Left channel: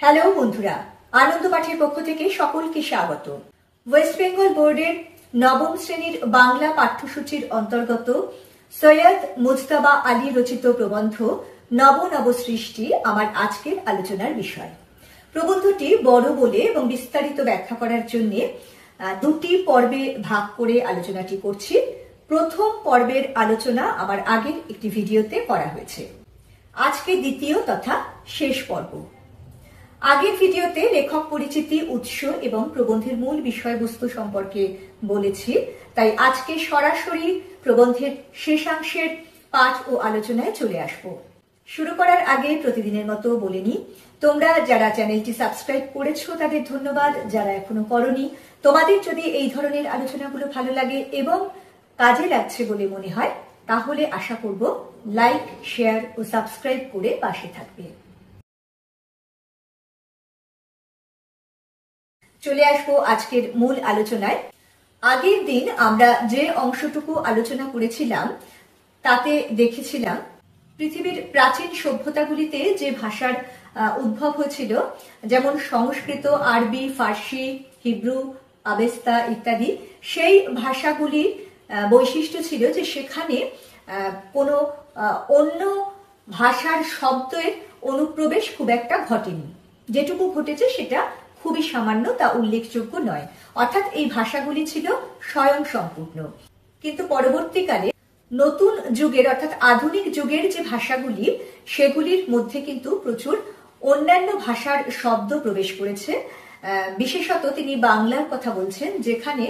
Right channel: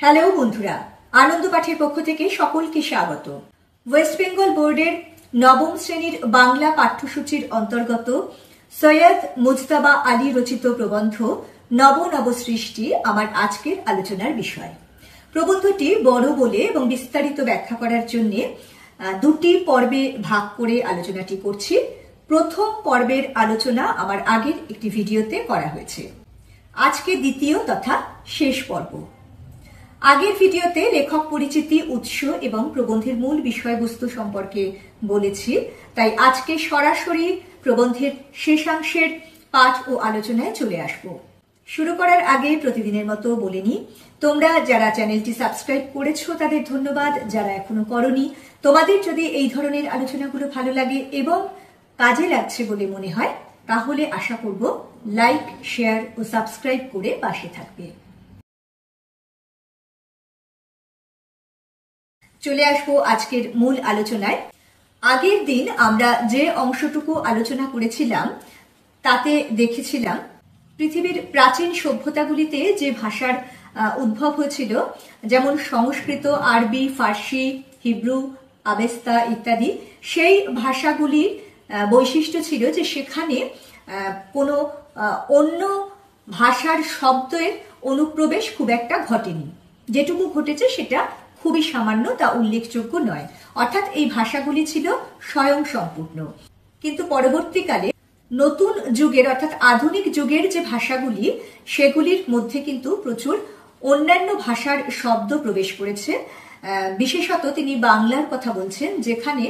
Hello বন্ধুরা, আনন্দ পাঠের পক্ষ থেকে সকলকে স্বাগত। ওয়েস্ট বেঙ্গল বোর্ডের নবম শ্রেণীর বাংলা পাঠ্যসূচির অন্তর্গত সৈয়দ মুজতবা আলী রচিত প্রবন্ধ নব নব সৃষ্টি আমার আজকের আলোচনার বিষয়। প্রবন্ধটি বড় বলে এবং বিস্তারিত ব্যাখ্যা করার জন্য দুটি পর্বে ভাগ করে আলোচনাটি করছি। প্রথম পর্বের আলোচনা আমার আগের একটি ভিডিওতে করা হয়েছে। আজকে দ্বিতীয় তথা শেষ পর্ব। আগের ভিডিওতে লেখক পরিচিতি, উৎস এবং প্রবন্ধের মূল বিষয়বস্তু সম্পর্কে বলেছি, তাই আজকে সরাসরি প্রবন্ধের শেষাংশের পাঠ ও আলোচনায় চলে আসব। শুরু করার আগে প্রতিদিনের মতো বলে নিই, তোমরা যারা চ্যানেলটি সাবস্ক্রাইব করেছো তাদের ধন্যবাদ, যারা এখনো করনি তোমাদের যদি এই ধরনের আলোচনাগুলো ভালো লাগে এবং কাজে লাগছে বলে মনে হয় তাহলে আশা করব লাইক, শেয়ার ও সাবস্ক্রাইব করে পাশে থাকবে। চলে আসবো আজকের মূল আলোচনায়। আগের দিন আমরা যে অংশটুকু আলোচনা করেছিলাম তাতে দেখেছিলাম পৃথিবীর প্রাচীন সভ্যতাগুলিতে যে ভাষার উদ্ভব হয়েছিল, যেমন সংস্কৃত, আরবি, ফার্সি, হিব্রু, আবেস্তা ইত্যাদি, সেই ভাষাগুলির বৈশিষ্ট্য ছিল যে সেখানে কোনো অন্য ভাষার শব্দের অনুপ্রবেশ খুব একটা ঘটেনি। যেটুকু ঘটেছে সেটা খুবই সামান্য, তা উল্লেখযোগ্য নয়। অর্থাৎ এই ভাষাগুলি ছিল স্বয়ং সম্পূর্ণ। কিন্তু পরবর্তীকালে নতুন যুগের অর্থাৎ আধুনিক যুগের যে ভাষাগুলি, সেগুলির মধ্যে কিন্তু প্রচুর অন্যান্য ভাষার শব্দ প্রবেশ করেছে। বিশেষত তিনি বাংলার কথা বলছেন, যেখানে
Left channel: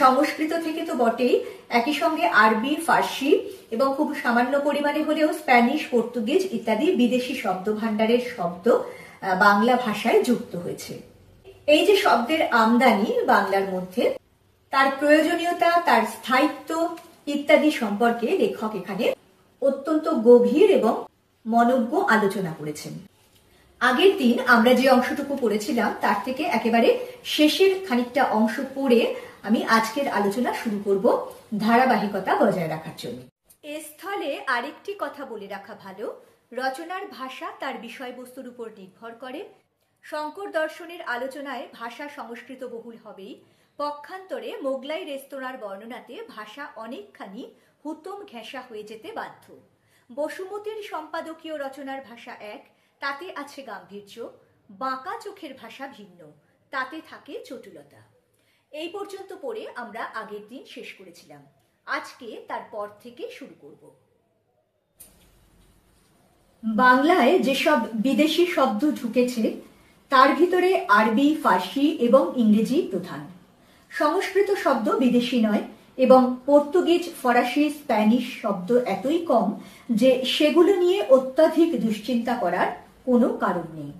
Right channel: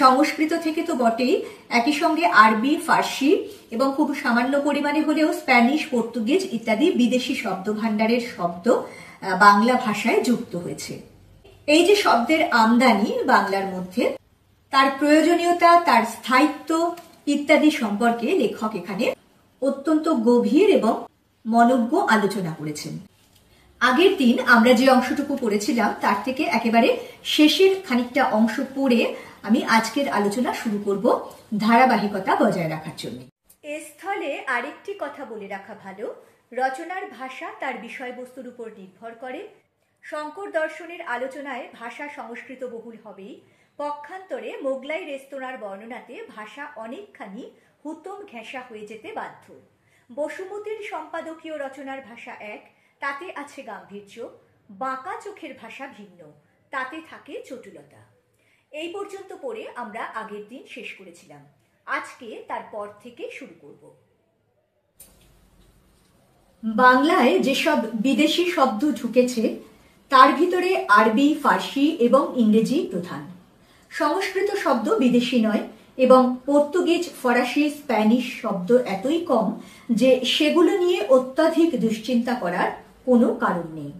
সংস্কৃত থেকে তো বটেই, একই সঙ্গে আরবি, ফার্সি এবং খুব সামান্য পরিমাণে হলেও স্প্যানিশ, পর্তুগিজ ইত্যাদি বিদেশি শব্দ ভাণ্ডারের শব্দ বাংলা ভাষায় যুক্ত হয়েছে। এই যে শব্দের আমদানি বাংলার মধ্যে, তার প্রয়োজনীয়তা, তার স্থায়িত্ব ইত্যাদি সম্পর্কে লেখক এখানে অত্যন্ত গভীর এবং মনোজ্ঞ আলোচনা করেছেন। আগের দিন আমরা যে অংশটুকু পড়েছিলাম তার থেকে একেবারে শেষের খানিকটা অংশ পড়ে আমি আজকের আলোচনা শুরু করব, ধারাবাহিকতা বজায় রাখার জন্য। এ স্থলে আরেকটি কথা বলে রাখা ভালো, রচনার ভাষা তার বিষয়বস্তুর উপর নির্ভর করে। শঙ্কর দর্শনের আলোচনায় ভাষা সংস্কৃত বহুল হবেই, পক্ষান্তরে মোগলাই রেস্তোরাঁর বর্ণনাতে ভাষা অনেকখানি হুতম ঘেঁষা হয়ে যেতে বাধ্য। বসুমতীর সম্পাদকীয় রচনার ভাষা এক, তাতে আছে গাম্ভীর্য। বাঁকা চোখের ভাষা ভিন্ন, তাতে থাকে চটুলতা। এই পর্যন্ত পড়ে আমরা আগের দিন শেষ করেছিলাম। আজকে তারপর থেকে শুরু করব। বাংলায় যেসব বিদেশি শব্দ ঢুকেছে তার ভিতরে আরবি, ফার্সি এবং ইংরেজি প্রধান। সংস্কৃত শব্দ বিদেশি নয় এবং পর্তুগিজ, ফরাসি, স্প্যানিশ শব্দ এতই কম যে সেগুলো নিয়ে অত্যাধিক দুশ্চিন্তা করার কোনো কারণ নেই।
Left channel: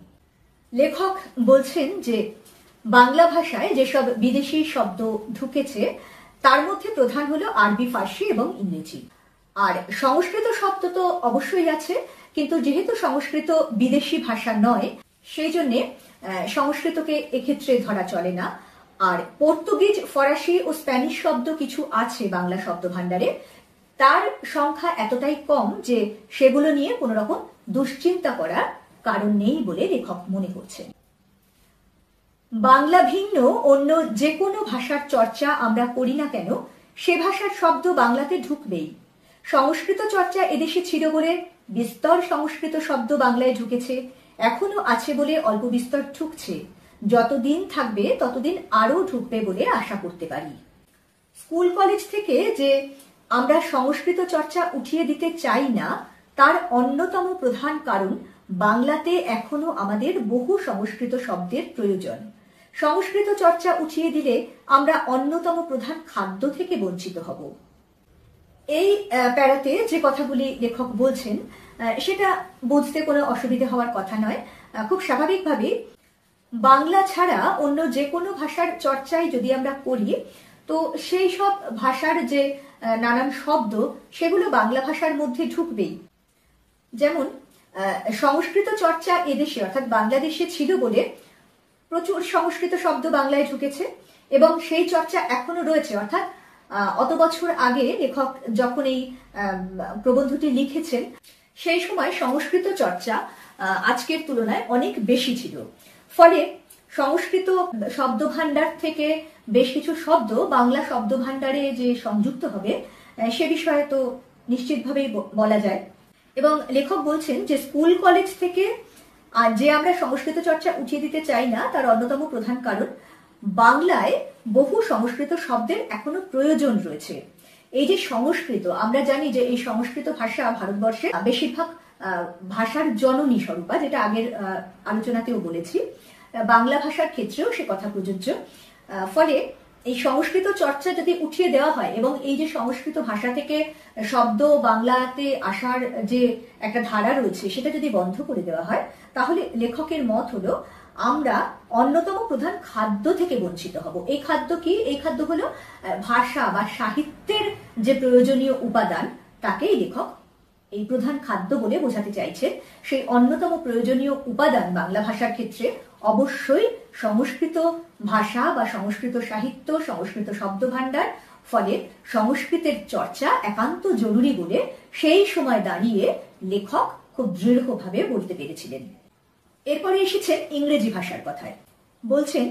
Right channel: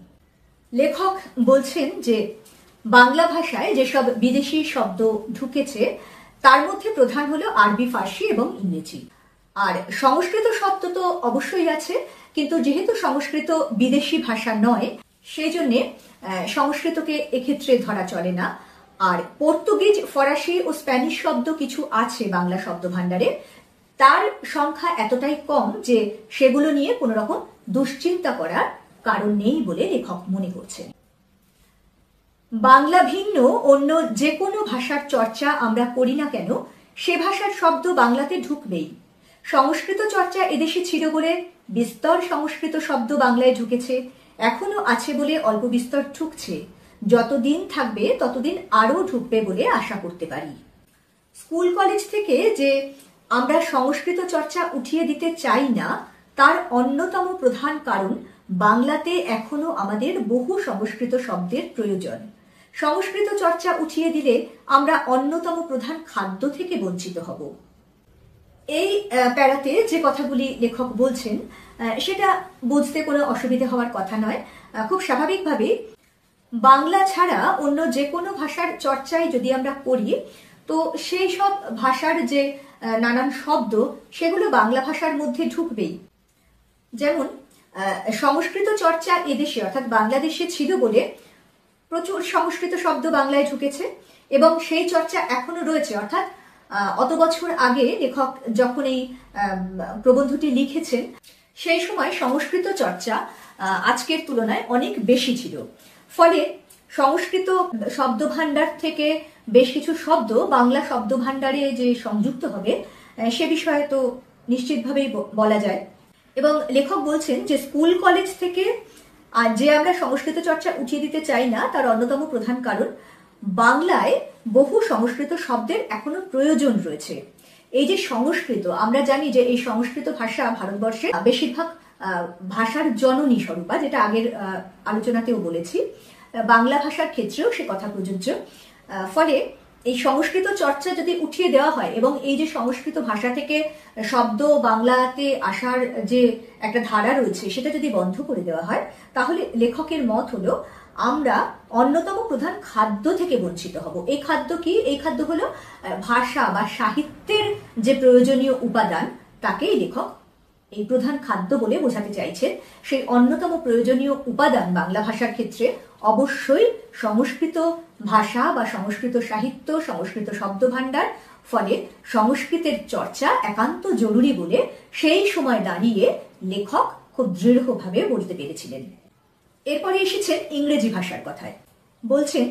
লেখক বলছেন যে বাংলা ভাষায় যেসব বিদেশি শব্দ ঢুকেছে তার মধ্যে প্রধান হলো আরবি, ফার্সি এবং ইংরেজি। আর সংস্কৃত শব্দ তো অবশ্যই আছে, কিন্তু যেহেতু সংস্কৃত বিদেশি ভাষা নয় সেই জন্যে সংস্কৃতকে এক্ষেত্রে ধরা চলে না। আর পর্তুগিজ, ফরাসি ও স্প্যানিশ শব্দ কিছু আছে বাংলা শব্দ ভাণ্ডারে, তার সংখ্যা এতটাই কম যে সেগুলো নিয়ে কোনো রকম দুশ্চিন্তা করার কারণ নেই বলে লেখক মনে করছেন। বাংলা ভিন্ন অন্য যে কোনো ভাষার চর্চা আমরা করি না কেন, সে ভাষার শব্দ বাংলাতে ঢুকবেই। সংস্কৃত চর্চা এদেশে ছিল বলে বিস্তর সংস্কৃত শব্দ বাংলায় ঢুকেছে, এখনো আছে বলে অল্প বিস্তর ঢুকছে। যতদিন থাকবে ততদিন আরো ঢুকবে বলে আশা করতে পারি। স্কুল কলেজ থেকে যে আমরা সংস্কৃত চর্চা উঠিয়ে দিতে চাই না, তার অন্যতম প্রধান কারণ বাংলাতে এখনো আমাদের বহু সংস্কৃত শব্দের প্রয়োজন। সংস্কৃত চর্চা উঠিয়ে দিলে আমরা অন্যতম প্রধান খাদ্য থেকে বঞ্চিত হব। এই প্যারাতে যে কথাগুলি লেখক বলছেন সেটা বুঝতে কোনো অসুবিধা হওয়ার কথা নয়। খুব স্বাভাবিকভাবে বাংলা ছাড়া অন্য যে কোনো ভাষার চর্চায় যদি আমরা করি, তো সেই সব ভাষার যে নানান শব্দ সেগুলো বাংলা ভাষার মধ্যে ঢুকবেই। যেমন সংস্কৃত চর্চা এদেশে অর্থাৎ বাংলাদেশে ছিল বলে প্রচুর সংস্কৃত শব্দ বাংলায় ঢুকেছে এবং সেই চর্চা এখনো রয়েছে। অর্থাৎ অত বছর আগে লেখক যখন এই প্রবন্ধটি লিখেছেন সেই সময় সংস্কৃত চর্চা আজকের তুলনায় অনেক বেশি ছিল। ফলে সংস্কৃত শব্দভাণ্ডার থেকে বেশ কিছু শব্দ বাংলা শব্দভাণ্ডারে যে সংযুক্ত হবে সে বিষয়ে তো নিশ্চিতভাবেই বলা যায়। এবং লেখক বলছেন যে স্কুল কলেজ থেকে যে আমরা সংস্কৃত চর্চা উঠিয়ে দিতে চাই না, তার অন্যতম প্রধান কারণ বাংলায় বহু সংস্কৃত শব্দের এখনো প্রয়োজন রয়েছে। এই যে সংস্কৃত, আমরা জানি যে এই সংস্কৃত ভাষা ভারতবর্ষে বেশিরভাগ ভাষার জননী স্বরূপা, যেটা আগের আলোচনাতেও বলেছি, বাংলা ভাষার ক্ষেত্রেও সে কথা প্রযোজ্য। ফলে এই সংস্কৃত চর্চা যদি উঠিয়ে দেওয়া হয় এবং এই যে সংস্কৃত ভাষা থেকে শব্দ বাংলাতে আসার যে একটা ধারা রয়েছে সেটা যদি বন্ধ করে দেওয়া হয়, তাহলে লেখকের মত হলো আমরা অন্যতম প্রধান খাদ্য থেকে বঞ্চিত হব। এই খাদ্য কি? এই খাদ্য হলো ভাষা বা সাহিত্যের যে প্রয়োজনীয় উপাদান, তাকেই লেখক এই প্রধান খাদ্য বলে বোঝাতে চাইছেন। সেই অন্যতম প্রয়োজনীয় উপাদান বাংলা ভাষার ক্ষেত্রে অবশ্যই সংস্কৃত ভাষা বা সংস্কৃত সাহিত্য, সংস্কৃত শব্দভাণ্ডার। ফলে সংস্কৃতের চর্চা একান্ত জরুরি বলে সেই সময় দাঁড়িয়ে লেখক খুব দৃঢ়ভাবে বলতে পেরেছিলেন। এরপরে এসেছেন ইংরেজি ভাষার কথায়। বলছেন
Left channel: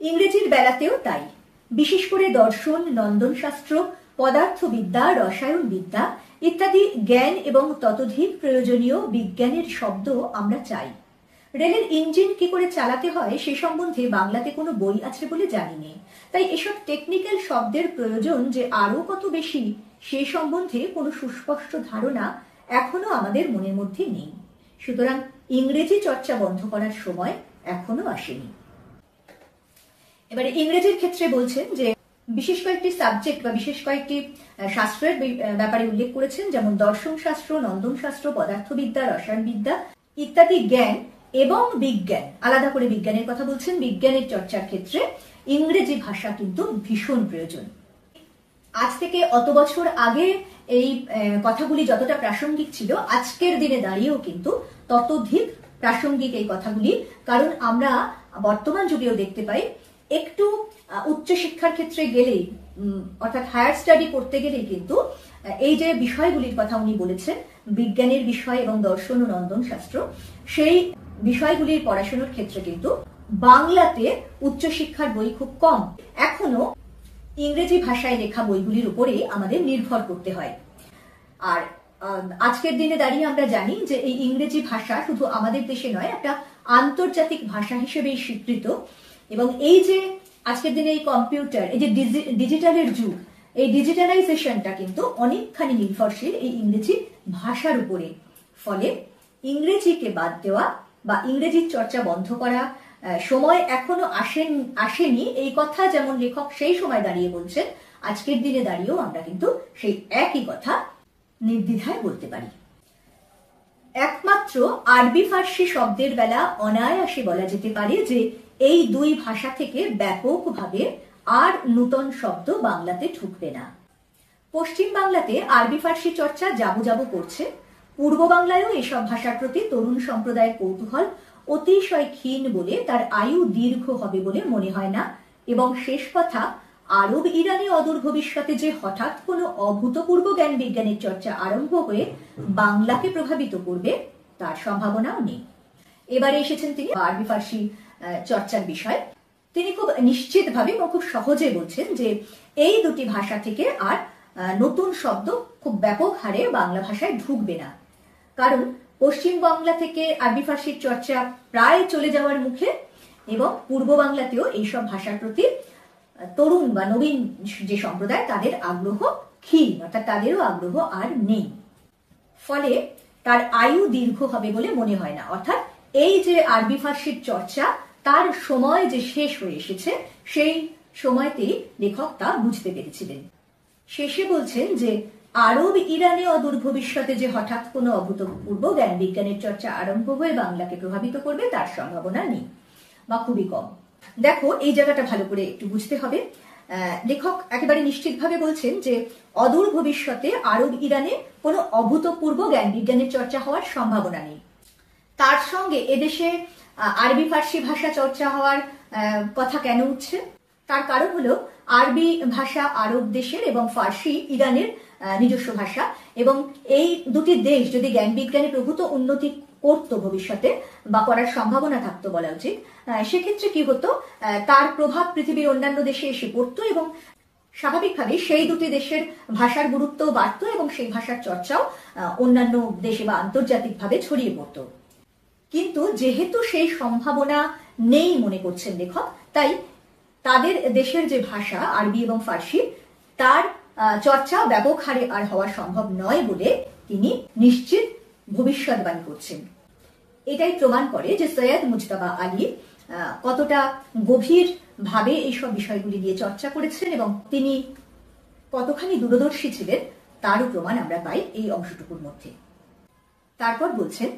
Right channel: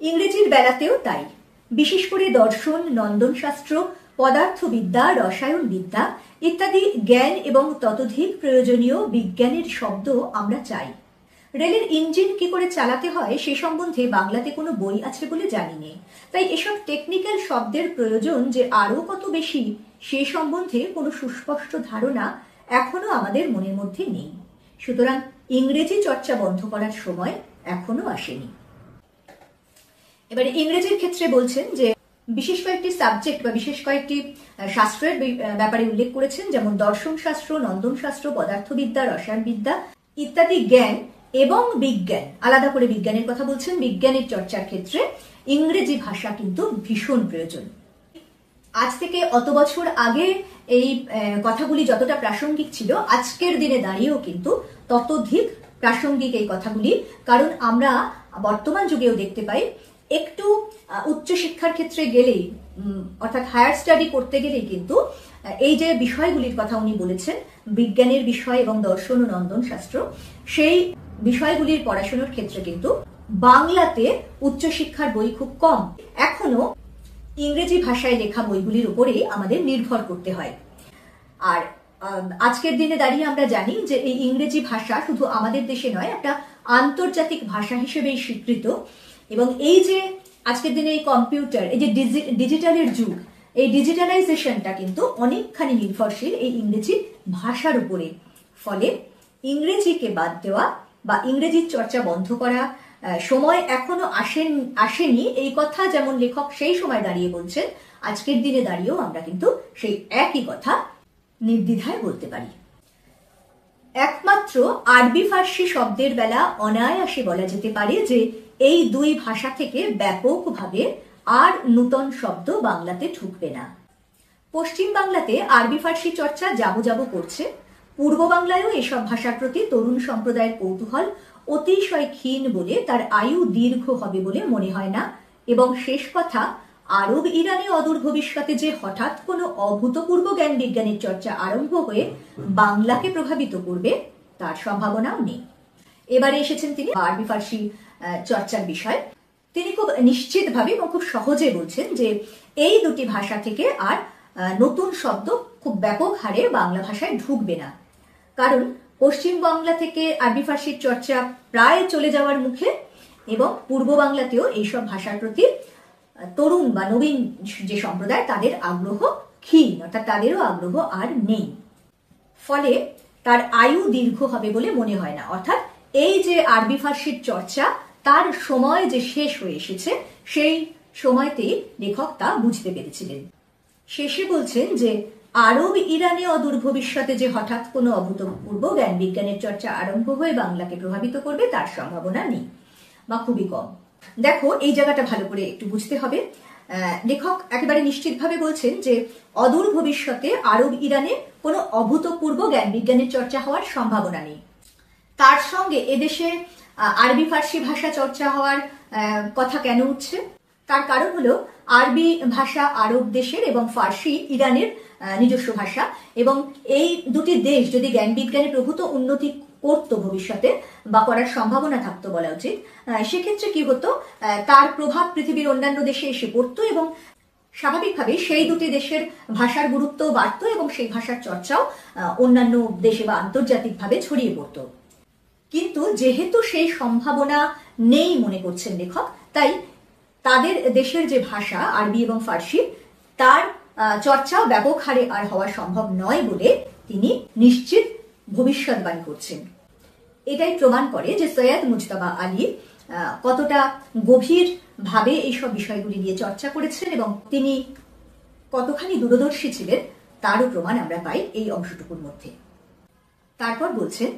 ইংরেজির বেলাতেও তাই, বিশেষ করে দর্শন, নন্দনশাস্ত্র, পদার্থবিদ্যা, রসায়ন বিদ্যা ইত্যাদি জ্ঞান এবং ততোধিক প্রয়োজনীয় বিজ্ঞানের শব্দ আমরা চাই। রেলের ইঞ্জিন কি করে চালাতে হয় সে সম্বন্ধে বাংলাতে কোনো বই আছে বলে জানি না। তাই এসব টেকনিক্যাল শব্দের প্রয়োজন যে আরো কত বেশি সে সম্বন্ধে কোনো সুস্পষ্ট ধারণা এখনো আমাদের মনের মধ্যে নেই। সুতরাং ইংরেজি চর্চা বন্ধ করার সময় এখনো আসেনি। এবারে ইংরেজির ক্ষেত্রে বলছেন যে বিশেষ কয়েকটি সাবজেক্ট বা বিশেষ কয়েকটি শাস্ত্রের ব্যাপারে উল্লেখ করেছেন, যেমন দর্শন শাস্ত্র, নন্দন শাস্ত্র, পদার্থবিদ্যা, রসায়নবিদ্যা ইত্যাদি জ্ঞান এবং বিজ্ঞান, আলাদা করে বিজ্ঞানের কথা বলছেন। বিজ্ঞানের চর্চার ক্ষেত্রে ইংরেজি ভাষা কিন্তু ভীষণ প্রয়োজন। আজ থেকে অত বছর আগে এই কথাগুলি যতটা প্রাসঙ্গিক ছিল, আজকের দিনে দাঁড়িয়েও কিন্তু ততোধিক প্রাসঙ্গিক এই কথাগুলি। কারণ আমরা বর্তমান যুগেও দেখতে পাই একটু উচ্চশিক্ষার ক্ষেত্রে গেলেই, অর্থাৎ হায়ার স্টাডি করতে গেলেই কিন্তু এই যে বিষয়গুলির কথা উনি বলেছেন, বিজ্ঞানের বিষয় এবং দর্শন ও নন্দন শাস্ত্র, সেই বিষয়গুলির পড়াশোনার ক্ষেত্রে কিন্তু বাংলাতে উচ্চশিক্ষার বই খুব কম। এখনো ইংরেজি ভাষায় লেখা বইগুলির উপরেই আমাদের নির্ভর করতে হয়। আর আজকের দিনে দাঁড়িয়ে আমরা জানি যে এই ইংরেজি ভাষা শুধু আমাদের দেশে নয়, একটা আন্তর্জাতিক ভাষা হিসেবে স্বীকৃত। এবং এই যে আজকের দিনে এই কম্পিউটার, এই যে ডিজিটালের যুগ, এই ডিজিটালাইজেশনটা কিন্তু অনেকখানি নির্ভরশীল এই ইংরেজি ভাষার উপরে। ফলে ইংরেজিকে বাদ দেওয়া বা ইংরেজির চর্চা বন্ধ করা সময় এখনো আসেনি এই কথা যেমন লেখক সেই সময় দাঁড়িয়ে বলছেন, আজকের দিনে দাঁড়িয়েও আমরা কিন্তু সেই একই কথা নির্দ্বিধায় বলতে পারি। একমাত্র আরবি ফার্সি শব্দের বেলা অনায়াসে বলা যেতে পারে যে এই দুই ভাষা থেকে ব্যাপকভাবে আর নূতন শব্দ বাংলাতে ঢুকবে না। পশ্চিম বাংলাতে আরবি ফার্সি চর্চা যাবো করছে। পূর্ব বাংলায়ও এসব ভাষার প্রতি তরুণ সম্প্রদায়ের কৌতূহল অতিশয় ক্ষীণ বলে তার আয়ু দীর্ঘ হবে বলে মনে হয় না। এবং শেষ কথা, আরব ইরানে অদূর ভবিষ্যতে যে হঠাৎ কোনো অভূতপূর্ব জ্ঞান বিজ্ঞানের চর্চা আরম্ভ হয়ে বাংলাকে প্রভাবিত করবে তার সম্ভাবনাও নেই। এবারে এসেছেন তিনি আরবি ফার্সি চর্চার বিষয়। তিনি খুব নিশ্চিতভাবে এবং খুব সহজে বলছেন যে এই দুটি ভাষা থেকে আর নতুন শব্দ খুব ব্যাপক হারে বাংলা ভাষায় ঢুকবে না। কারণ পশ্চিম বাংলা থেকে আরবি ফার্সির চর্চা প্রায় চলে যাওয়ার মুখে এবং পূর্ব বাংলাতেও এইসব ভাষার প্রতি তরুণ বা নবীন যে সম্প্রদায় তাদের আগ্রহ ক্ষীণ, অর্থাৎ তাদেরও আগ্রহ আর নেই। ফলে তার আয়ু দীর্ঘ হবে বলে মনে হয় না। অর্থাৎ এই যে আরবি ফার্সির চর্চা তার সময় যে শেষ হয়ে এসেছে, সেই সময়তেই লেখক তা বুঝতে পেরেছিলেন। শেষে বলছেন যে আরব ইরানে অদূর ভবিষ্যতে যে হঠাৎ কোনো অভূতপূর্ব জ্ঞান বিজ্ঞানের চর্চা আরম্ভ হয়ে বাংলাকে প্রভাবিত করবে তার সম্ভাবনা নেই বা খুবই কম। দেখো, এই জায়গাটা ভালো করে একটু বুঝতে হবে। লেখক একেবারে নিশ্চিতভাবে বলছেন যে অদূর ভবিষ্যতে আরব ইরানে কোনো অভূতপূর্ব জ্ঞান বিজ্ঞানের চর্চা হওয়ার সম্ভাবনা নেই। তার সঙ্গে এদেশে আরবি ফার্সি ভাষা চর্চা হওয়ার কথা কেন উঠছে? তার কারণ হলো আরবি ভাষা আরব দেশের এবং ফার্সি ইরানের নিজস্ব ভাষা, এবং এই দুটি দেশ যদি জ্ঞান বিজ্ঞানে প্রভূত উন্নতি করতো ভবিষ্যতে, বা করার সম্ভাবনা থাকতো বলা উচিত, সেক্ষেত্রে কি হতো, তার প্রভাব পৃথিবীর অন্যান্য দেশে এসে পড়তো এবং স্বাভাবিকভাবে সেই দুটি দেশের ভাষার গুরুত্ব বাড়তো এবং সেই ভাষার চর্চাও অন্যান্য দেশে বা আন্তর্জাতিকভাবে ছড়িয়ে পড়তো। কিন্তু যেহেতু সেই সম্ভাবনা নেই মনে করছেন লেখক, তাই তাদের দেশের যে ভাষা আরবি এবং ফার্সি, তার চর্চা ব্যাপক হারে আর হওয়া সম্ভব নয় বলে তিনি নিশ্চিত ভবিষ্যৎবাণী করছেন। এটাই প্রমাণ করে যে সৈয়দ মুজতবা আলী কতটা গভীর ভাবে এইসব বিষয়গুলি নিয়ে চর্চা করেছেন এবং তিনি কতখানি দূরদর্শী ছিলেন তারও প্রমাণ আমরা পাই এই অংশটুকুর মধ্যে। তারপর বলছেন,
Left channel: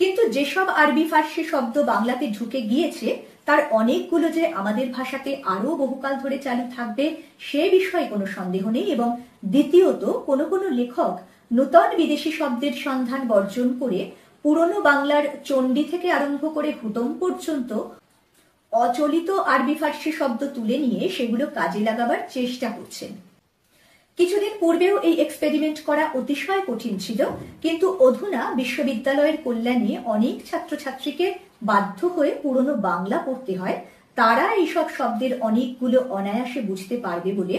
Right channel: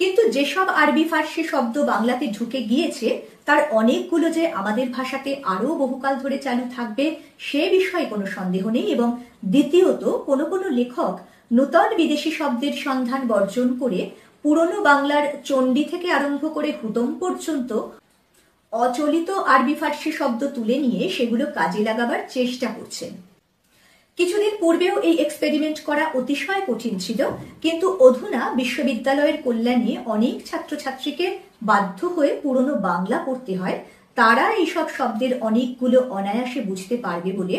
কিন্তু যেসব আরবি ফার্সি শব্দ বাংলাতে ঢুকে গিয়েছে তার অনেকগুলো যে আমাদের ভাষাতে আরো বহুকাল ধরে চালু থাকবে সে বিষয়ে কোনো সন্দেহ নেই, এবং দ্বিতীয়ত কোনো কোনো লেখক নূতন বিদেশি শব্দের সন্ধান বর্জন করে পুরনো বাংলার চণ্ডী থেকে আরম্ভ করে হুতম পর্যন্ত অচলিত আরবি ফার্সি শব্দ তুলে নিয়ে সেগুলো কাজে লাগাবার চেষ্টা করছেন। কিছুদিন পূর্বেও এই এক্সপেরিমেন্ট করা অতিশয় কঠিন ছিল, কিন্তু অধুনা বিশ্ববিদ্যালয়ের কল্যাণে অনেক ছাত্রছাত্রীকে বাধ্য হয়ে পুরনো বাংলা পড়তে হয়। তারা এইসব শব্দের অনেকগুলো অনায়াসে বুঝতে পারবে বলে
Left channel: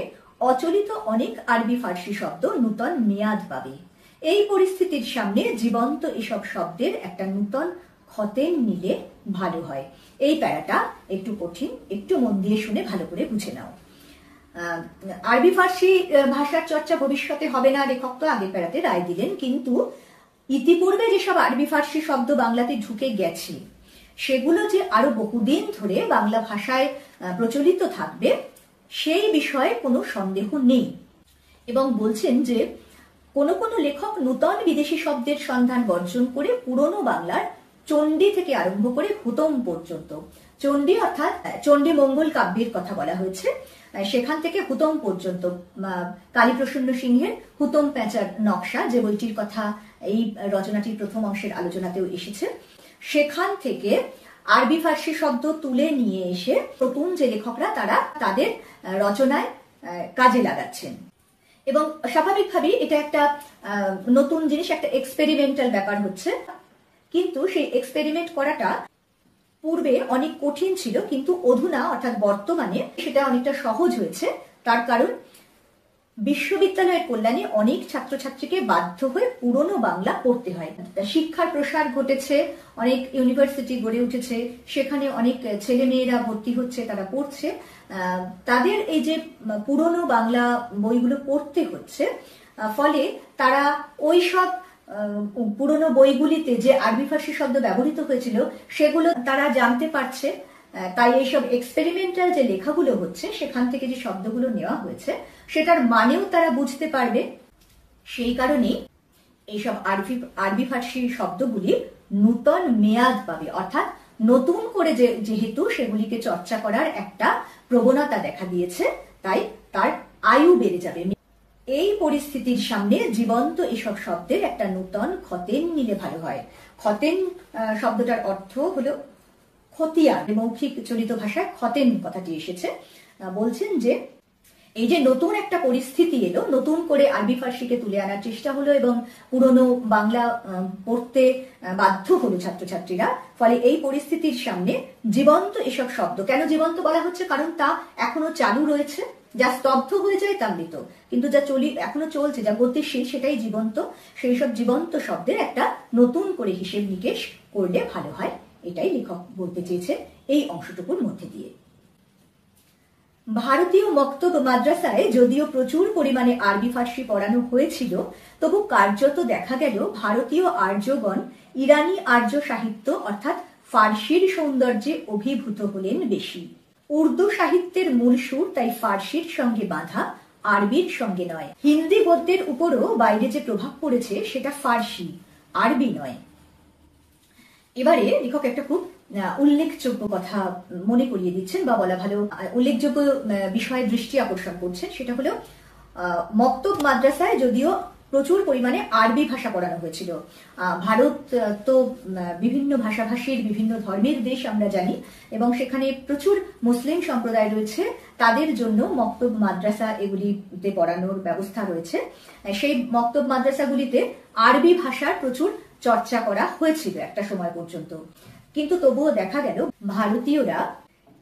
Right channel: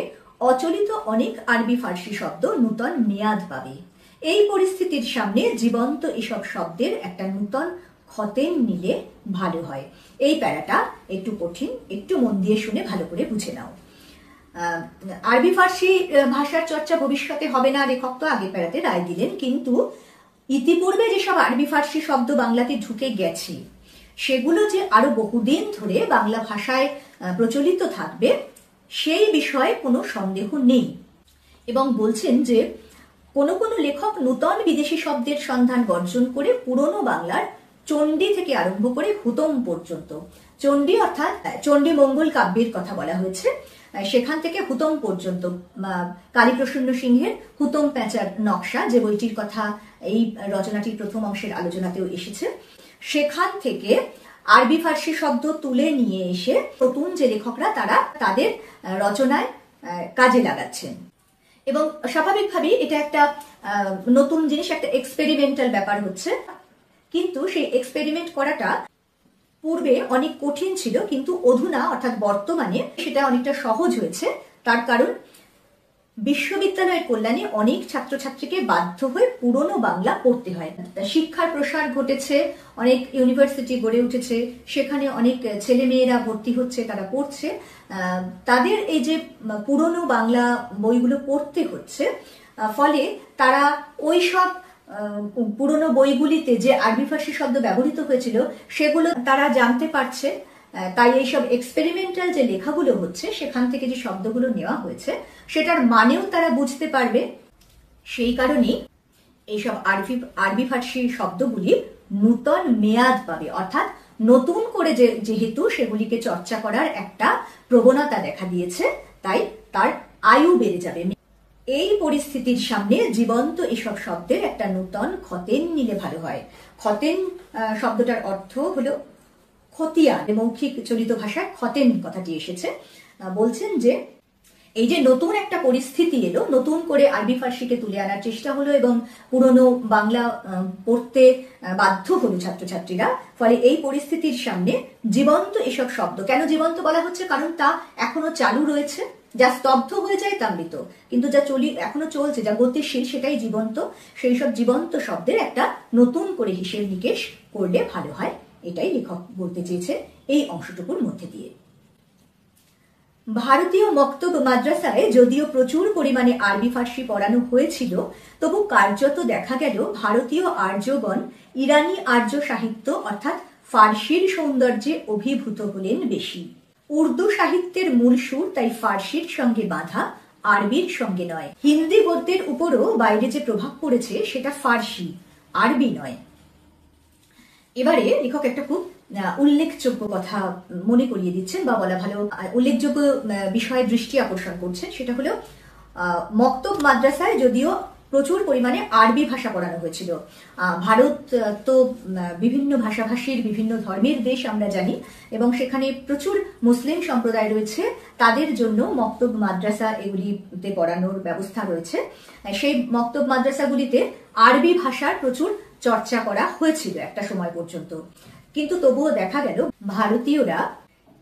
অচলিত অনেক আরবি ফার্সি শব্দ নূতন মেয়াদ পাবে। এই পরিস্থিতির সামনে জীবন্ত এসব শব্দের একটা নূতন খতেন নিলে ভালো হয়। এই প্যারাটা একটু কঠিন, একটু মন দিয়ে শুনে ভালো করে বুঝে নাও। আরবি ফার্সি ভাষার চর্চা ভবিষ্যতে হবে না লেখক তো আগের প্যারাতে রায় দিলেন, কিন্তু ইতিপূর্বে যেসব আরবি ফার্সি শব্দ বাংলাতে ঢুকে গেছে সেগুলো যে আরো বহুদিন ধরে বাংলা ভাষায় প্রচলিত থাকবে সেই বিষয়ে কোনো সন্দেহ নেই। এবং বলছেন যে কোনো কোনো লেখক নূতন বিদেশি শব্দের সন্ধান বর্জন করে পুরনো বাংলার চণ্ডী থেকে আরম্ভ করে হুতম পর্যন্ত, চণ্ডী অর্থাৎ চণ্ডী মঙ্গল কাব্যের কথা বলা হয়েছে, সেখান থেকে হুতম পর্যন্ত কালীপ্রসন্ন সিংহের হুতম প্যাঁচার নকশা, যে বইটির কথা এই রচনাটির প্রথম অংশের আলোচনাতেও এসেছে, সেখান থেকে আরবি ফার্সি শব্দ তুলে নিয়ে এসে নতুন যে লেখকরা তারা তাদের রচনায় কাজে লাগাচ্ছেন। এবং স্বাভাবিকভাবেই এটা একটা নতুন জিনিস, একটা এক্সপেরিমেন্টাল ব্যাপার হচ্ছে, কিন্তু সেই এক্সপেরিমেন্ট করাটা পূর্বে অনেক কঠিন ছিল, কিন্তু অধুনা অর্থাৎ বর্তমানে সেটা অনেকটা সহজ হয়েছে। তার কারণ বিশ্ববিদ্যালয়ের কল্যাণে অনেক ছাত্রছাত্রীকে বাধ্য হয়ে পুরনো বাংলা পড়তে হয়। শিক্ষার প্রসার ঘটেছে, অনেক ইউনিভার্সিটি গড়ে উঠেছে, সেখানে অনেক ছেলে মেয়েরা ভর্তি হচ্ছে, তারা পড়ছে, তাদের এই যে পুরনো বাংলা বইগুলো পড়তে হচ্ছে, ফলে তারা ওই সব পুরনো বইগুলিতে যে আরবি ফার্সি শব্দ ব্যবহৃত হয়েছিল সেগুলো তারা জানতে পারছে। তাই এইসব এক্সপেরিমেন্টাল যে লেখাগুলো হচ্ছে সেখান থেকে যে শব্দগুলো নেওয়া হয়েছে সেটার মানেও তারা বুঝতে পারবে। সেই কারণে এইসব আরবি ফার্সি শব্দগুলি নূতন মেয়াদ পাবে, অর্থাৎ নতুন করে যেহেতু সেগুলিকে চর্চা করার একটা প্রবণতা দেখা দিয়েছে, তাই তার আয়ু বেড়ে যাবে। এই পরিস্থিতির সামনে জীবন্ত এসব শব্দের একটা নূতন খতেন নিলে ভালো হয়। খতেন শব্দটার অর্থ হলো খতিয়ান, মৌখিক চলিত ভাষায় খতেন কথাটি এসেছে। বলছেন যে এই যে নতুন একটা পরিস্থিতি এলো, নতুন করে আরবি ফার্সিকে তুলে আনার চেষ্টা হলো এবং পুরনো বাংলা পড়তে বাধ্য হলো ছাত্রছাত্রীরা, ফলে এই পরিস্থিতির সামনে জীবন্ত এসব শব্দ, কেন জীবন্ত বলা হচ্ছে, কারণ তা এখনো চালু রয়েছে, যা স্তব্ধ হয়ে যায় তা মৃত, কিন্তু যা এখনো চলছে, যা গতিশীল সেটাই জীবন্ত। সেই সব জীবন্ত শব্দের একটা নতুন করে হিসেব নিকেশ করলে ভালো হয়, এটাই লেখক বলতে চেয়েছেন এই অংশটুকুর মধ্যে দিয়ে। ভারতীয় মক্তব মাদ্রাসায় যদিও প্রচুর পরিমাণে আরবি ফার্সি পড়ানো হয়েছিল, তবু কার্যত দেখা গেল ভারতীয় আর্যগণ ইরানি আর্য সাহিত্য অর্থাৎ ফার্সির সৌন্দর্যে অভিভূত হলেন বেশি। উর্দু সাহিত্যের মূল সুর তাই ফার্সির সঙ্গে বাঁধা, আরবির সঙ্গে নয়। হিন্দি গদ্যের উপরও বাইরে যে প্রভাব পড়েছে সেটা ফার্সি, আরবি নয়। এবারে লেখক একটা খুব উল্লেখযোগ্য কথা মনে করিয়ে দিচ্ছেন, বা বলা ভালো উল্লেখযোগ্য বিষয়ে দৃষ্টি আকর্ষণ করছেন, সেটা হলো মক্তব মাদ্রাসায় যদিও প্রচুর পরিমাণে আরবি ভাষা পড়ানো হয়েছিল। ভারত তো বিভিন্ন ভাষাভাষীর বিভিন্ন ধর্মের দেশ আমরা জানি, এবং সেখানে প্রচুর মুসলিম সম্প্রদায় রয়েছে। তাদের জন্য মক্তব মাদ্রাসা এগুলিতে পড়ানোর ব্যবস্থা রয়েছে। সেই মক্তব মাদ্রাসাগুলিতে আরবি ভাষার প্রচুর চর্চা করা হয়েছিল একটা সময় পর্যন্ত। কিন্তু তবুও দেখা গেল ভারতীয়রা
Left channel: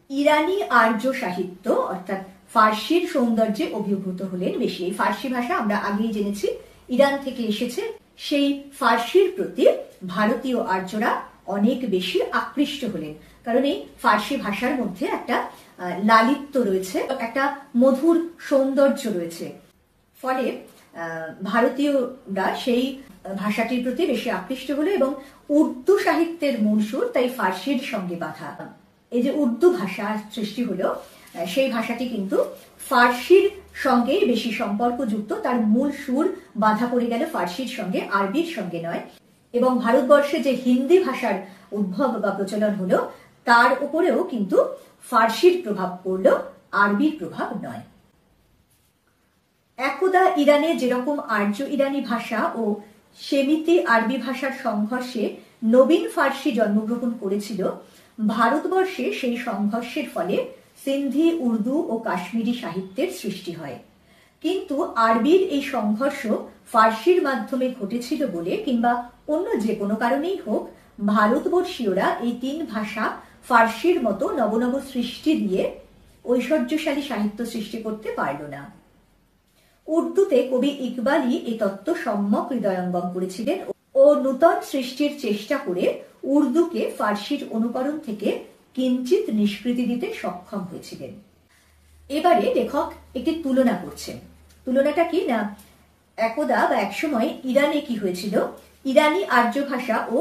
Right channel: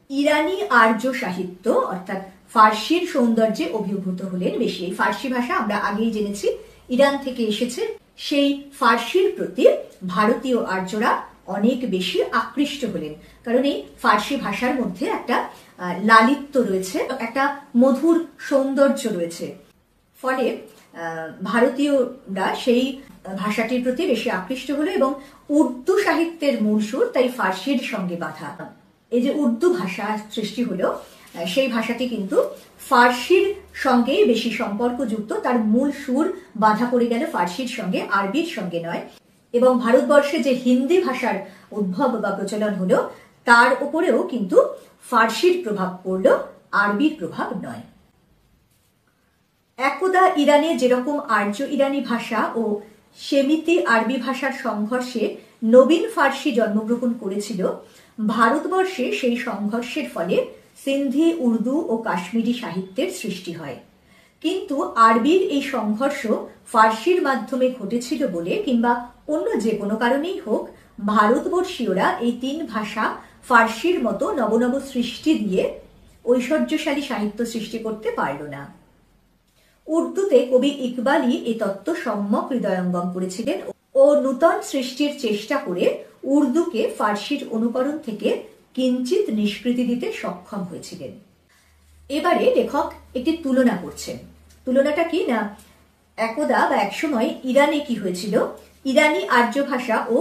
ইরানি আর্য সাহিত্য অর্থাৎ ফার্সির সৌন্দর্যে অভিভূত হলেন বেশি। এই ফার্সি ভাষা আমরা আগেই জেনেছি ইরান থেকে এসেছে। সেই ফার্সির প্রতি ভারতীয় আর্যরা অনেক বেশি আকৃষ্ট হলেন, কারণ এই ফার্সি ভাষার মধ্যে একটা লালিত্য রয়েছে, একটা মধুর সৌন্দর্য রয়েছে। ফলে ভারতীয়রা সেই ভাষাটির প্রতি বেশি আকৃষ্ট হলো, এবং উর্দু সাহিত্যের মূল সুর তাই ফার্সির সঙ্গে বাঁধা। এই যে উর্দু ভাষা সৃষ্টি হলো, সেই ভাষাটি কিন্তু ফার্সির সঙ্গেই বেশি সম্পর্কযুক্ত। তার মূল সুর বাঁধা পড়ে গেল ফার্সির সঙ্গে, আরবির সঙ্গে নয়। এবং ভারতবর্ষে যে হিন্দি ভাষার উদ্ভব বা প্রচলন হলো, তার উপরেও কিন্তু ফার্সির প্রভাব পড়লো, আরবির প্রভাব নয়। একদা ইরানে যেরকম আর্য ইরানি ভাষা ও সেমিতি আরবি ভাষার সংঘর্ষে নবীন ফার্সি জন্মগ্রহণ করেছিল, ভারতবর্ষে সেই সংঘর্ষের ফলে সিন্ধি, উর্দু ও কাশ্মীরি সাহিত্যের সৃষ্টি হয়। কিন্তু আরবির এই সংঘর্ষ ফার্সির মাধ্যমে ঘটেছিল বলে, কিংবা অন্য যে কোনো কারণেই হোক, ভারতবর্ষীয়রা এই তিন ভাষা ফার্সির মতো নবনব সৃষ্টি দিয়ে ঐশ্বর্যশালী সাহিত্য সৃষ্টি করতে পারল না। উর্দুতে কবি ইকবালই এই তত্ত্ব সম্যক হৃদয়ঙ্গম করেছিলেন ও নূতন সৃষ্টির চেষ্টা করে উর্দুকে ফার্সির অনুকরণ থেকে কিঞ্চিত নিষ্কৃতি দিতে সক্ষম হয়েছিলেন। এবারে লেখক একটি তুলনা করছেন। তুলনাটা কি না, একদা বা একসময় ইরানে কি হয়েছিল, ইরানি আর্য ভাষা ও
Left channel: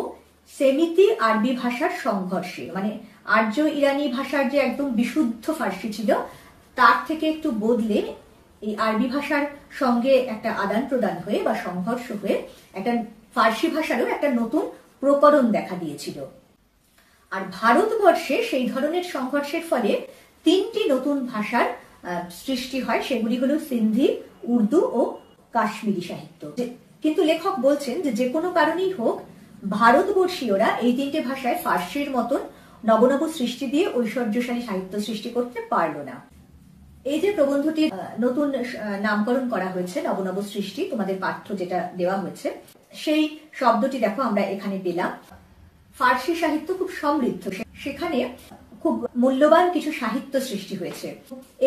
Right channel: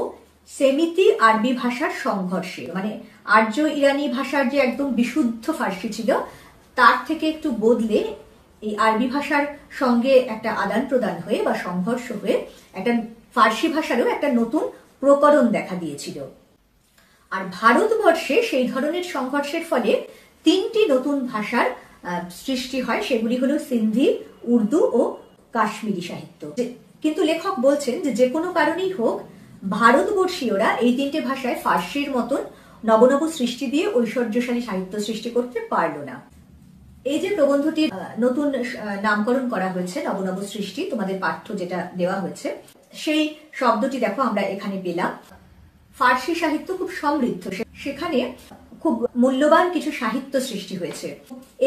সেমিতি আরবি ভাষার সংঘর্ষে, মানে আর্য ইরানি ভাষার যে একদম বিশুদ্ধ ফার্সি ছিল, তার থেকে একটু বদলে এই আরবি ভাষার সঙ্গে একটা আদান প্রদান হয়ে বা সংঘর্ষ হয়ে একটা ফার্সি ভাষারও একটা নতুন প্রকরণ দেখা দিয়েছিল। আর ভারতবর্ষে সেই ধরনের সংঘর্ষের ফলে তিনটি নতুন ভাষার সৃষ্টি হয়, সেগুলি হলো সিন্ধি, উর্দু ও কাশ্মীরি সাহিত্য। কিন্তু লেখক বলছেন যে যে কোনো কারণেই হোক, ভারতবর্ষীয়রা এই তিনটে ভাষায় ফার্সির মতন নবনব সৃষ্টি দিয়ে ঐশ্বর্যশালী সাহিত্য সৃষ্টি করতে পারল না। এই যে প্রবন্ধটির নতুন নামকরণ করা হয়েছে নবনব সৃষ্টি, তোমাদের পাঠ্য যেটা দেওয়া হয়েছে, সেই শব্দটি দেখো আমরা এখানে পেলাম। ফার্সি সাহিত্য খুব সমৃদ্ধ, সেখানে খুব মূল্যবান কিছু সাহিত্য সৃষ্টি হয়েছে।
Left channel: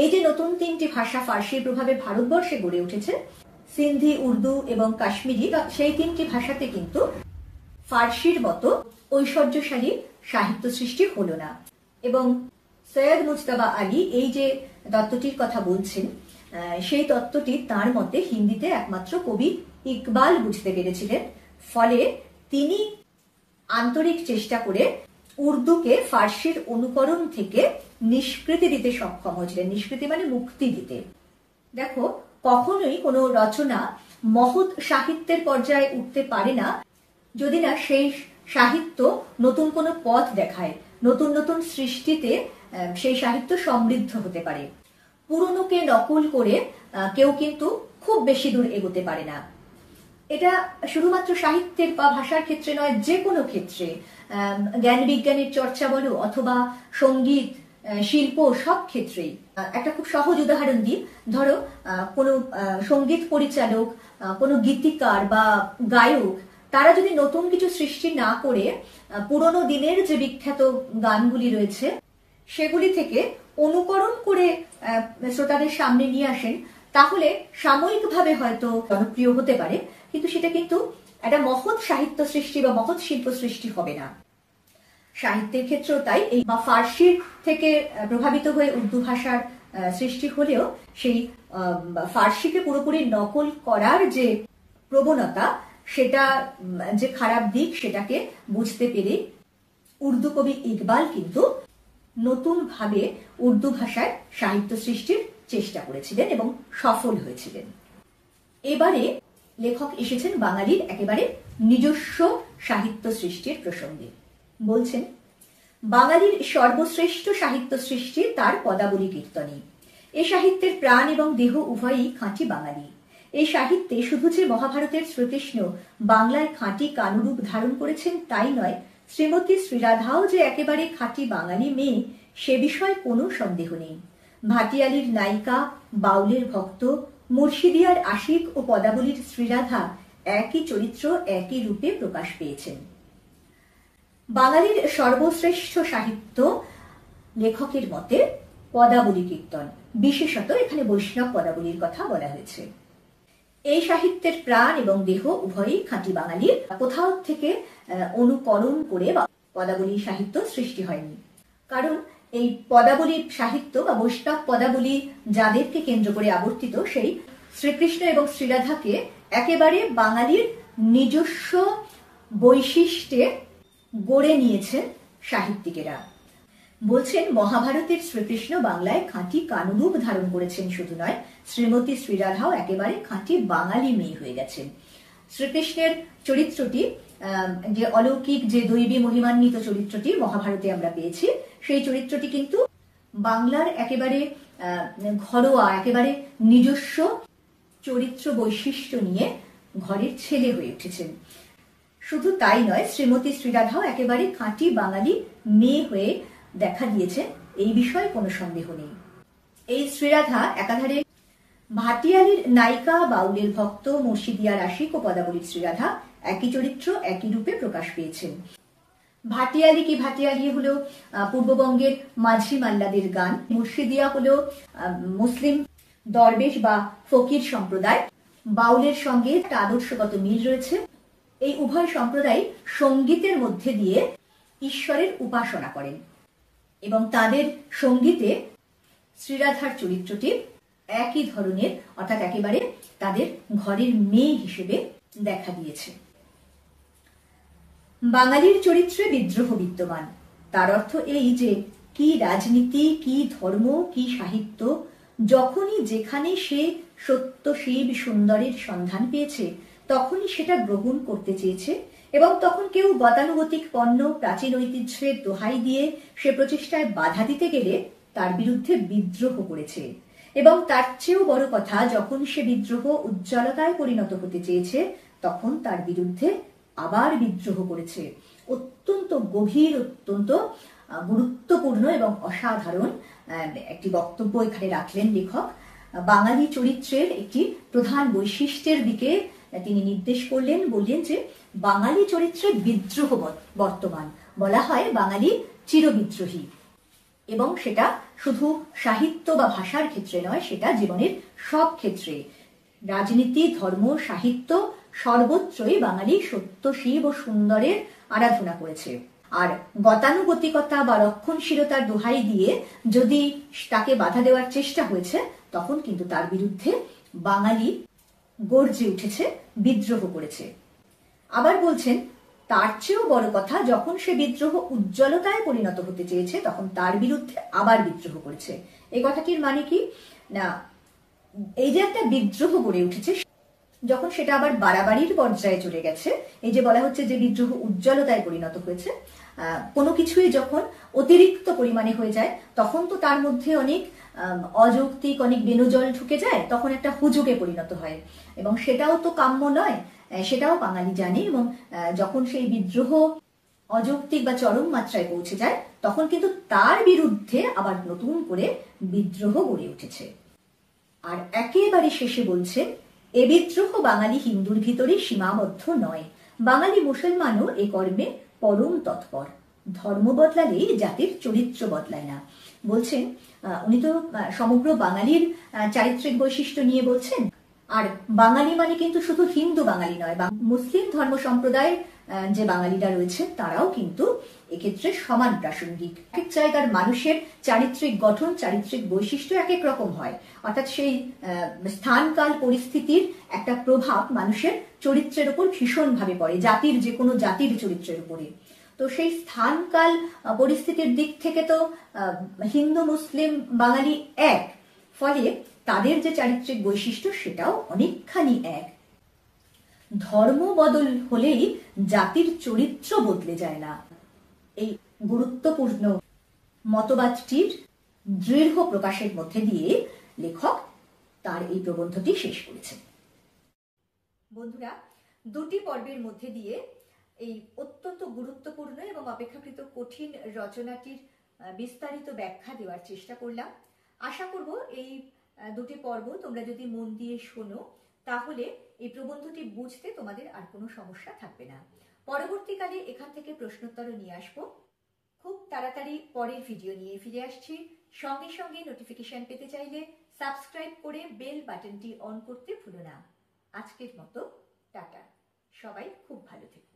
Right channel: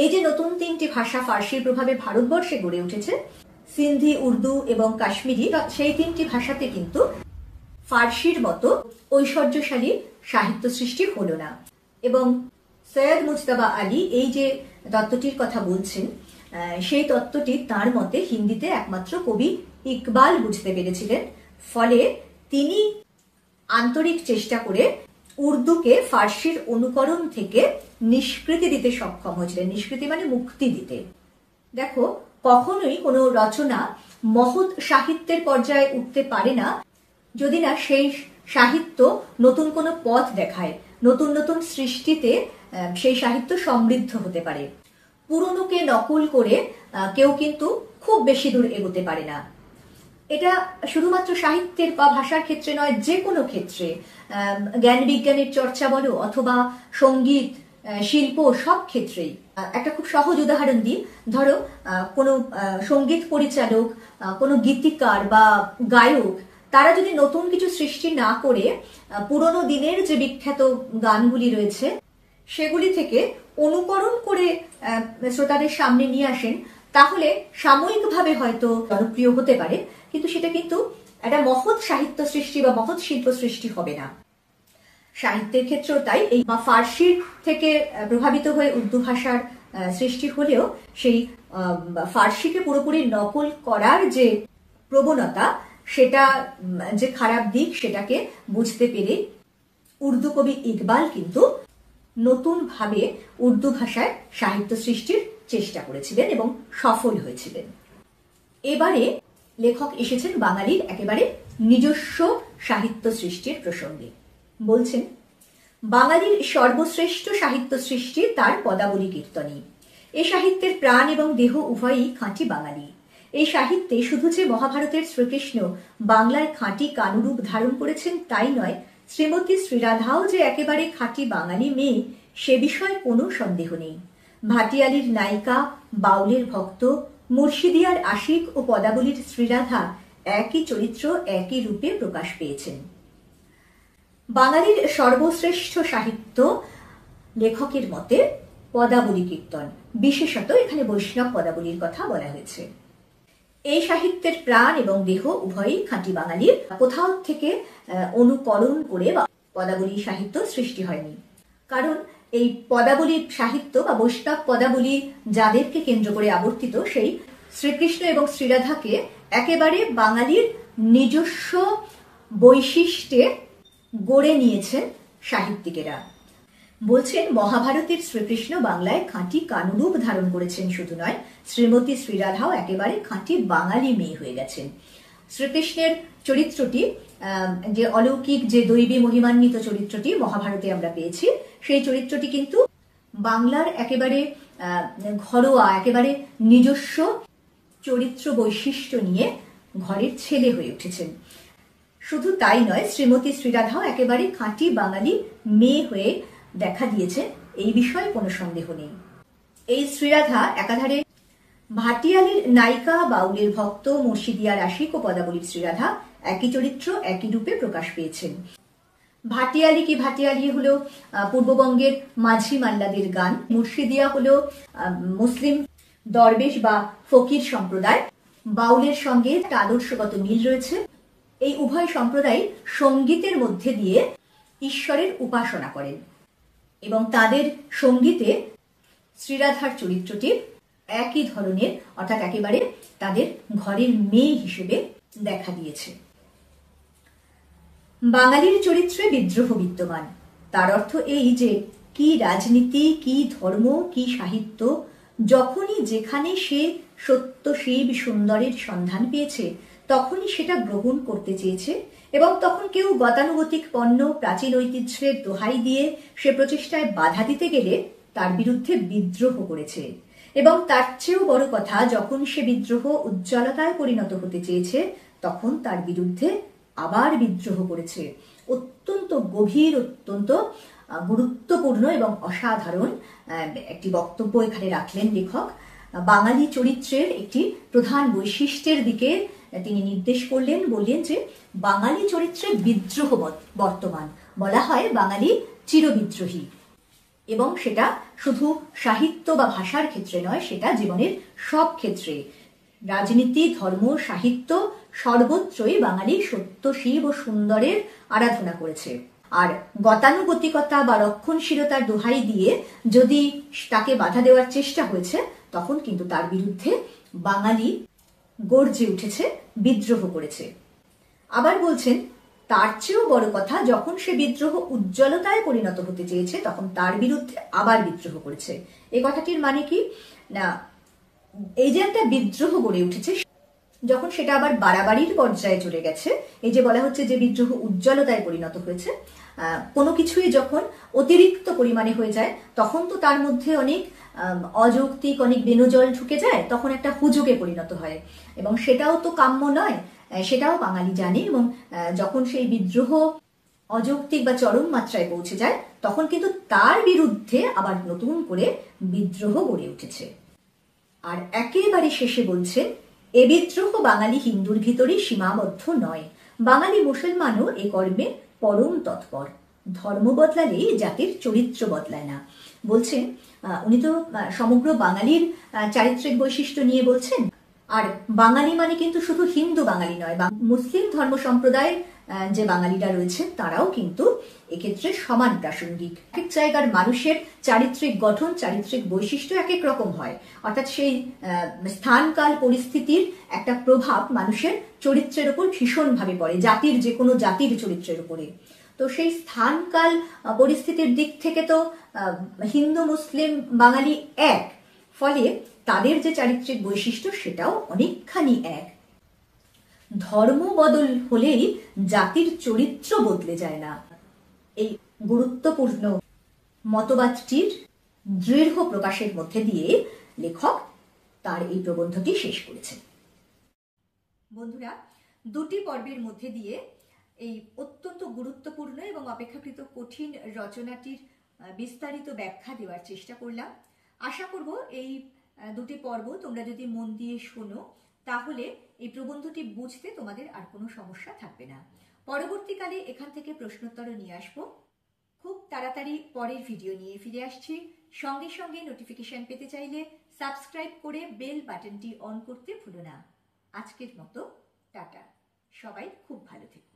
এই যে নতুন তিনটি ভাষা ফার্সির প্রভাবে ভারতবর্ষে গড়ে উঠেছে, সিন্ধি, উর্দু এবং কাশ্মীরি, সেই তিনটি ভাষাতে কিন্তু ফার্সির মতো ঐশ্বর্যশালী সাহিত্য সৃষ্টি হলো না। এবং সৈয়দ মুজতবা আলী এই যে তত্ত্বটির কথা বলছেন, সেই তত্ত্বটি তার মতে হিন্দিতে একমাত্র কবি ইকবাল বুঝতে পেরেছিলেন। ফলে তিনি আন্তরিক চেষ্টা করে উর্দুকে ফার্সির অনুকরণ থেকে নিষ্কৃতি দিতে সক্ষম হয়েছিলেন। নিষ্কৃতি মানে মুক্তি দিতে। দেখো, কখনোই কোনো রচনা মহৎ সাহিত্যের পর্যায়ে উঠতে পারে না যদি না সেই সাহিত্য নতুন কোনো পথ দেখায়, নতুন নতুন সৃষ্টিতে সেই সাহিত্য সমৃদ্ধ হতে পারে। পুরনোকে নকল করে কেউ কিন্তু খুব বেশি দূর এগোতে পারে না। এটা শুধুমাত্র সাহিত্যের বা ভাষার ক্ষেত্রে নয়, যে কোনো ক্ষেত্রে, জ্ঞান বিজ্ঞানের চর্চা বলো অথবা সঙ্গীত, শিল্প, সব ক্ষেত্রেই। একটা খুব সহজ উদাহরণ দিই, ধরো কোনো সঙ্গীত পরিচালক, কোনো গীতিকার বা গায়ক, তারা যদি নতুন কিছু সৃষ্টি না করে পুরনো দিনের যে বিখ্যাত গানগুলি রয়েছে সেগুলি থেকে অনুকরণ করে শ্রোতাদের সামনে নিয়ে আসেন, তাহলে সাময়িকভাবে হয়তো জনপ্রিয় হতে পারে, কিন্তু সেটা কিন্তু একটা মহৎ সাহিত্য সৃষ্টি বা মহৎ শিল্প সৃষ্টি হবে না। সাহিত্যের ক্ষেত্রেও তাই। এই ফার্সির থেকে প্রভাবিত হয়ে উর্দু ভাষার সৃষ্টি হলেও সেই ফার্সিকে পুরোপুরি নকল করার যে প্রবণতা, সেটা যে খারাপ দিক, সেটাকে বুঝতে পেরে উর্দু কবি ইকবাল কিন্তু নতুন ভাবে উর্দু ভাষায় সাহিত্য সৃষ্টির চেষ্টা করেছিলেন এবং সফল হয়েছিলেন। এবারে লেখক এসেছেন বাঙালির একেবারে নিজস্ব সাহিত্য সৃষ্টির প্রসঙ্গে। বলছেন, বাঙালির সর্বশ্রেষ্ঠ সাহিত্য সৃষ্টি তার পদাবলী কীর্তনী। এই সাহিত্যের প্রাণ এবং দেহ উভয়ই খাঁটি বাঙালি। এই সাহিত্যে শুধু যে মহাভারতের শ্রীকৃষ্ণ বাংলায় খাঁটি কালরূপ ধারণ করেছেন তাই নয়, শ্রীমতী শ্রীরাধাও যে একেবারে খাঁটি বাঙালি মেয়ে সে বিষয়ে কোনো সন্দেহ নেই। ভাটিয়ালির নায়িকা, বাউলের ভক্ত, মুর্শিদিয়ার আশিক ও পদাবলীর শ্রীরাধা একই চরিত্র একই রূপে প্রকাশ পেয়েছেন। বাঙালির সর্বশ্রেষ্ঠ সাহিত্য লেখকের মতে পদাবলী কীর্তন, বিশেষত এখানে বৈষ্ণব পদাবলীর কথা বলা হয়েছে। এই সাহিত্যের প্রাণ এবং দেহ উভয়ই খাঁটি বাঙালির, কোথাও থেকে অনুকরণ করে পদাবলী সাহিত্য সৃষ্টি হয়নি। কারণ এই পদাবলী সাহিত্য বা বৈষ্ণব পদাবলী যাদেরকে কেন্দ্র করে আবর্তিত, সেই শ্রীকৃষ্ণ এবং শ্রীরাধাকে একেবারে বাঙালির নিজস্ব বৈশিষ্ট্যে গড়ে নিয়েছেন সাহিত্যিকেরা। বলছেন মহাভারতের শ্রীকৃষ্ণ বাংলায় খাঁটি কালরূপ ধারণ করেছেন শুধু নয়, শ্রীমতী শ্রীরাধাও একেবারে খাঁটি বাঙালি মেয়ে হয়ে গেছেন। শ্রীকৃষ্ণের চরিত্রটি, যে অলৌকিক যে দৈবী মহিমান্বিত চরিত্রটি মহাভারতে আমরা পেয়েছি, সেই চরিত্রটি কিন্তু বাংলার একেবারে ঘরোয়া, একেবারে নিজস্ব চরিত্র বৈশিষ্ট্য নিয়ে ঘরের ছেলে হয়ে উঠেছেন। শুধু তাই নয়, শ্রীমতী শ্রীরাধাও একেবারে খাঁটি বাঙালি মেয়ে হয়ে দেখা দিয়েছে, এই বিষয়ে কোনো সন্দেহ নেই। এই শ্রীরাধা একাধারে ভাটিয়ালির নায়িকা, বাউলের ভক্ত, মুর্শিদিয়ার আশিক ও পদাবলীর শ্রীরাধা একই চরিত্র একই রূপে প্রকাশ পেয়েছেন। ভাটিয়ালি কি ভাটিয়ালি হলো পূর্ববঙ্গের মাঝি মাল্লাদের গান, মুর্শিদিয়া হলো মুসলিম দরবেশ বা ফকির সম্প্রদায়। বাউলের সঙ্গে আদর্শগত মিল রয়েছে। এই উভয় সম্প্রদায় সঙ্গীতের মধ্যে দিয়ে ঈশ্বরের উপাসনা করেন এবং তাদের সঙ্গীতে শ্রীরাধার চরিত্রটি একই ধরনের, অর্থাৎ একেবারে তাদের ঘরের মেয়ে হিসেবে দেখা দিয়েছে। বাঙালির চরিত্রে বিদ্রোহ বিদ্যমান, তার অর্থ এই যে কি রাজনীতি, কি ধর্ম, কি সাহিত্য, যখনই যেখানে সে সত্য শিব সুন্দরের সন্ধান পেয়েছে তখনই সেটা গ্রহণ করতে চেয়েছে এবং তখন কেউ গতানুগতিক পণ্য প্রাচীন ঐতিহ্যের দোহাই দিয়ে সে প্রচেষ্টায় বাধা দিতে গেলে তার বিরুদ্ধে বিদ্রোহ করেছে। এবং তার চেয়েও বড় কথা, যখন সে বিদ্রোহ উজ্জ্বলতায় পরিণত হতে চেয়েছে তখন তার বিরুদ্ধে আবার বিদ্রোহ করেছে। অত্যন্ত গভীর, অত্যন্ত গুরুত্বপূর্ণ এবং অসাধারণ একটি বক্তব্য এখানে রাখলেন লেখক। বাঙালি চরিত্রের একটি প্রধান বৈশিষ্ট্যের দিকে তিনি নির্দেশ করলেন, বললেন যে বাঙালি চরিত্রে বিদ্রোহ বর্তমান। বলা হয় বাঙালি চিরবিদ্রোহী, এবং সেটা শুধু সাহিত্য বা ভাষার ক্ষেত্রে নয়, সেটা জীবনের সব ক্ষেত্রে, রাজনীতি, ধর্ম, সাহিত্য, সর্বত্রই বাঙালি সত্য শিব ও সুন্দরের আরাধনা করেছে। আর গতানুগতিকতা বা রক্ষণশীলতার দোহাই দিয়ে যদি তাকে বাধা দেওয়ার চেষ্টা হয়েছে তখন কিন্তু তার বিরুদ্ধে বাঙালি গর্জে উঠেছে, বিদ্রোহ করেছে। আবার বলছেন তার চেয়েও বড় কথা, যখন সে বিদ্রোহ উজ্জ্বলতায় পরিণত হতে চেয়েছে তখন তার বিরুদ্ধে আবার বিদ্রোহ করেছে। এই কথাটির মানে কি না, এই যে একটা বিদ্রোহ গড়ে উঠেছে, যখন সেটা আবার বাড়াবাড়ির পর্যায়ে চলে গেছে, এই যে বলা হচ্ছে যে বিদ্রোহ উজ্জ্বলতায় পরিণত হয়েছে, কোনো কিছুই যখন অতিরিক্ত পরিমাণে হয়ে যায় তখন তো তার মধ্যে অনেক অযৌক্তিক, অনেক বেনজল ঢুকে যায়, তখন একটা হুজুগে পরিণত হয় এবং সেটাও তো কাম্য নয়, সেটাও বাঙালি জানে। এবং যখন সেই বিদ্রোহ অযৌক্তিক বা চরম মাত্রায় পৌঁছে যায় তখন কিন্তু তার বিরুদ্ধে আবার নতুন করে বিদ্রোহ গড়ে উঠেছে। আর একেবারে শেষে বলছে এ বিদ্রোহ বাঙালি হিন্দুর ভিতরেই সীমাবদ্ধ নয়, বাঙালি মুসলমানও এ কর্মে পরম তৎপর। ধর্ম বদলালে জাতির চরিত্র বদলায় না। বলছেন উনি তো সমগ্র বাঙালির চারিত্রিক বৈশিষ্ট্য নিয়ে বলছেন। আর বাঙালি মানে কিন্তু শুধু হিন্দু বাঙালি নয়, মুসলিম ধর্ম সম্প্রদায় যে বাঙালিরা রয়েছে তারাও কিন্তু এক্ষেত্রে সমান প্রাসঙ্গিক। এক জায়গার মানুষের চারিত্রিক গঠন, চারিত্রিক বৈশিষ্ট্য এক এক রকম হয়, অর্থাৎ সেই স্থানকাল পরিস্থিতির একটা প্রভাব মানুষের চরিত্রের উপর ভীষণভাবে পড়ে, জাতির যে কোনো জাতির চরিত্রের উপরে। তো সেই স্থানকাল পরিস্থিতির দিক থেকে তো হিন্দু মুসলিম বাঙালি এক, ফলে তাদের যে চারিত্রিক বৈশিষ্ট্য সেটাও অনেকখানি এক। ধর্ম বদল হলেই জাতির চরিত্র বদলে যায় না। এই গুরুত্বপূর্ণ মতবাদটির দৃঢ় প্রকাশের মধ্যে দিয়ে লেখক তার এই প্রবন্ধটি শেষ করেছেন। বন্ধুরা, দুটি পর্বের মধ্যে দিয়ে এই অত্যন্ত গুরুত্বপূর্ণ এবং অপেক্ষাকৃত কঠিন রচনাটির বিস্তারিত ব্যাখ্যা দেওয়ার চেষ্টা করলাম। আশা করব এই দুটি পর্ব তোমরা যদি মন দিয়ে শোনো তাহলে এই প্রবন্ধটি বুঝতে তোমাদের আর কোনো সমস্যা থাকবে না। পরবর্তীকালে এখান থেকে প্রশ্নোত্তর নিয়ে আসবো। খুব তাড়াতাড়ি পরের ভিডিও নিয়ে ফিরে আসছি। সঙ্গে সঙ্গে নোটিফিকেশন পেতে চাইলে সাবস্ক্রাইব করে বেল বাটনটি অন করতে ভুলো না। আজকের মতো টাটা, সবাই খুব ভালো থেকো।